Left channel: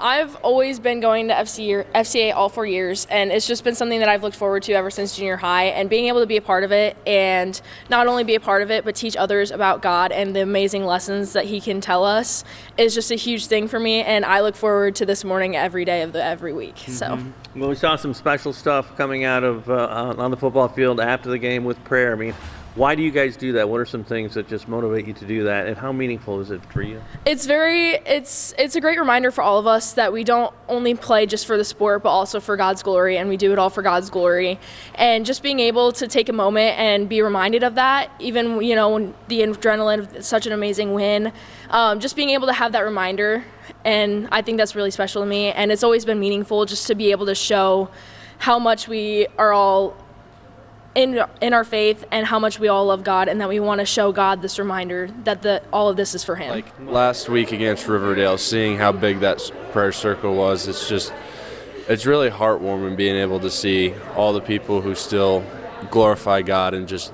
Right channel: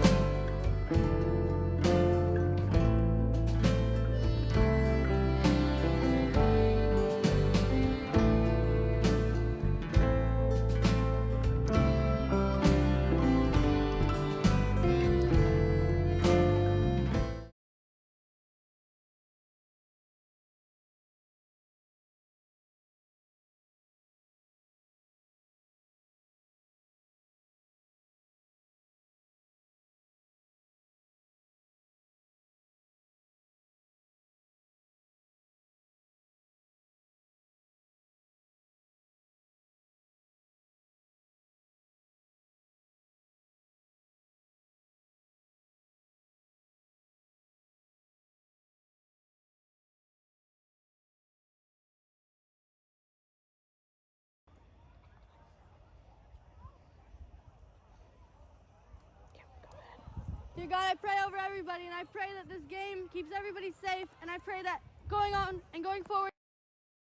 I've always been going to FCA all 4 years, and it's just been something that I've looked forward to ever since junior high, and being able to be a part of it, and not only be a part of it, but teach others about God and the amazing lessons that He can tell us is just a huge thing for me, and I look forward to this morning every day of every week. So. Well, we saw some special stuff coming out of on the football field after the game with prayer. I mean, why do you guys do that? What are some things that just motivate you to do that, and how meaningful is it for you? It's a great reminder for all of us that we don't only play just for the sport, but also for God's glory, and we do it all for God's glory. And just being able to take a moment and be reminded of that, even when the adrenaline of such an amazing win, just being able to have that reminder, and I think that's really special to me. And it's always been meaningful just to be able to show how much we are all in our faith and how much we all love God, and that we want to show God this reminder that all of this is for Him. Like last week against Riverdale, seeing how big that prayer circle was, it's really heartwarming being able to see all the people who still glorify God and just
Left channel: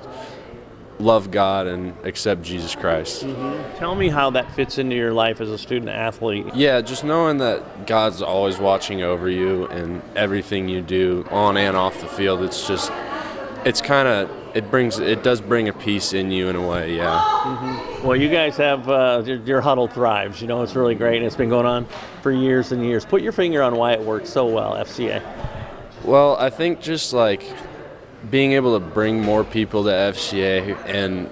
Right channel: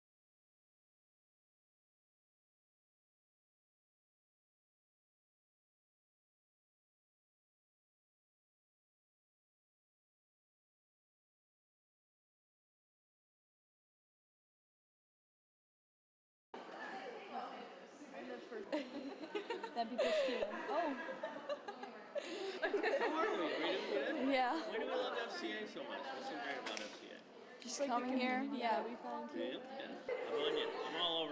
love God and accept Jesus Christ. Mm-hmm. Tell me how that fits into your life as a student athlete. Yeah, just knowing that God's always watching over you and everything you do on and off the field, it does bring a peace in you in a way, yeah. Mm-hmm. Well, you guys have, your huddle thrives, it's really great, and it's been going on for years and years. Put your finger on why it works so well, FCA. Well, I think just like being able to bring more people to FCA, and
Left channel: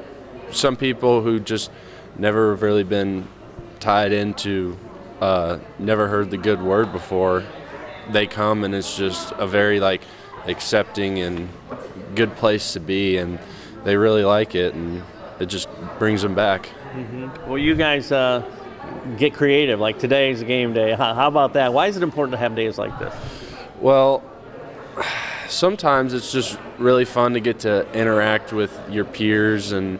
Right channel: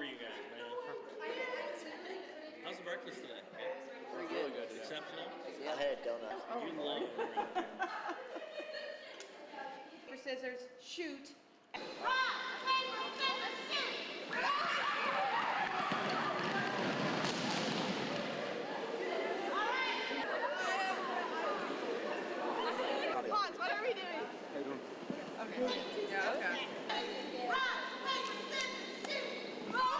some people who just never really been tied into, never heard the good word before, they come, and it's just a very accepting and good place to be, and they really like it, and it just brings them back. Mm-hmm. Well, you guys get creative, like today's game day. How about that? Why is it important to have days like this? Well, sometimes it's just really fun to get to interact with your peers, and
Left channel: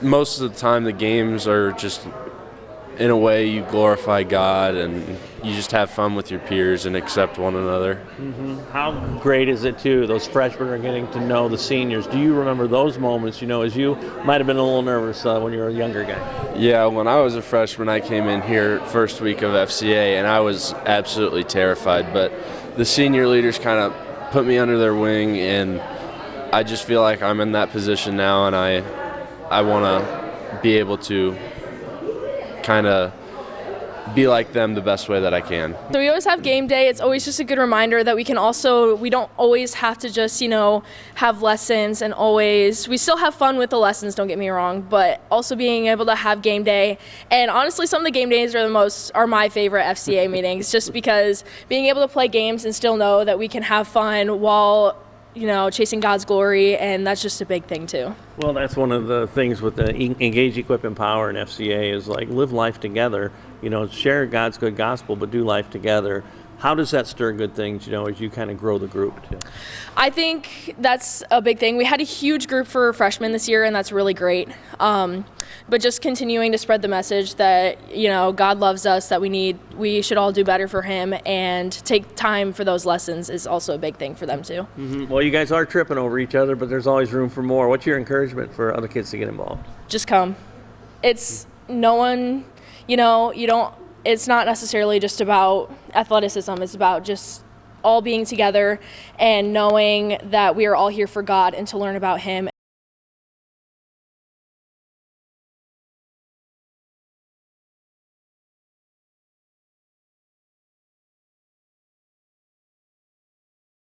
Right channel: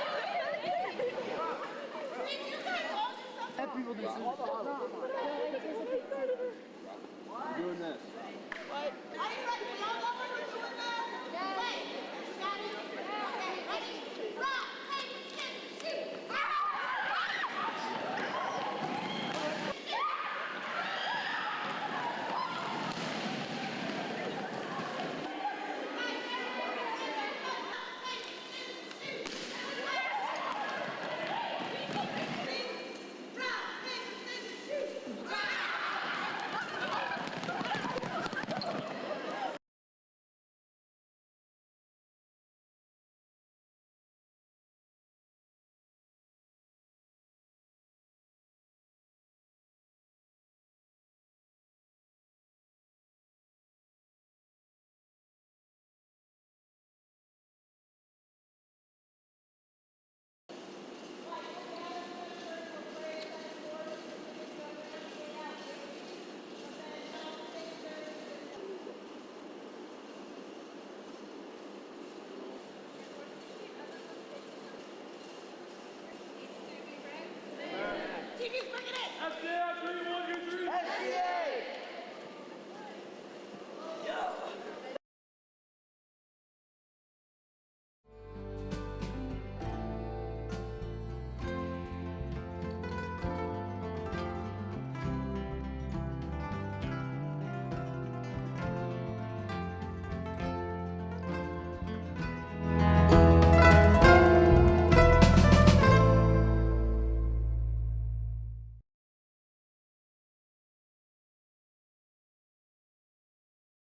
most of the time the games are just, in a way, you glorify God and you just have fun with your peers and accept one another. Mm-hmm. How great is it, too? Those freshmen are getting to know the seniors. Do you remember those moments, as you might have been a little nervous when you were a younger guy? Yeah, when I was a freshman, I came in here first week of FCA, and I was absolutely terrified. But the senior leaders kind of put me under their wing, and I just feel like I'm in that position now, and I want to be able to kind of be like them the best way that I can. So we always have game day. It's always just a good reminder that we don't always have to just, have lessons, and we still have fun with the lessons, don't get me wrong, but also being able to have game day. And honestly, some of the game days are my favorite FCA meetings, just because being able to play games and still know that we can have fun while chasing God's glory, and that's just a big thing too. Well, that's one of the things with the Engage, Equip, Empower in FCA is live life together. Share God's good gospel, but do life together. How does that stir good things, as you kind of grow the group too? I think that's a big thing. We had a huge group for freshmen this year, and that's really great. But just continuing to spread the message that, God loves us, that we should all do better for Him, and take time for those lessons is also a big thing for them too. Mm-hmm. Well, you guys are tripping over each other, but there's always room for more. What's your encouragement for other kids to get involved? Just come. It's not necessarily just about athleticism. It's about just all being together and knowing that we are all here for God and to learn about Him.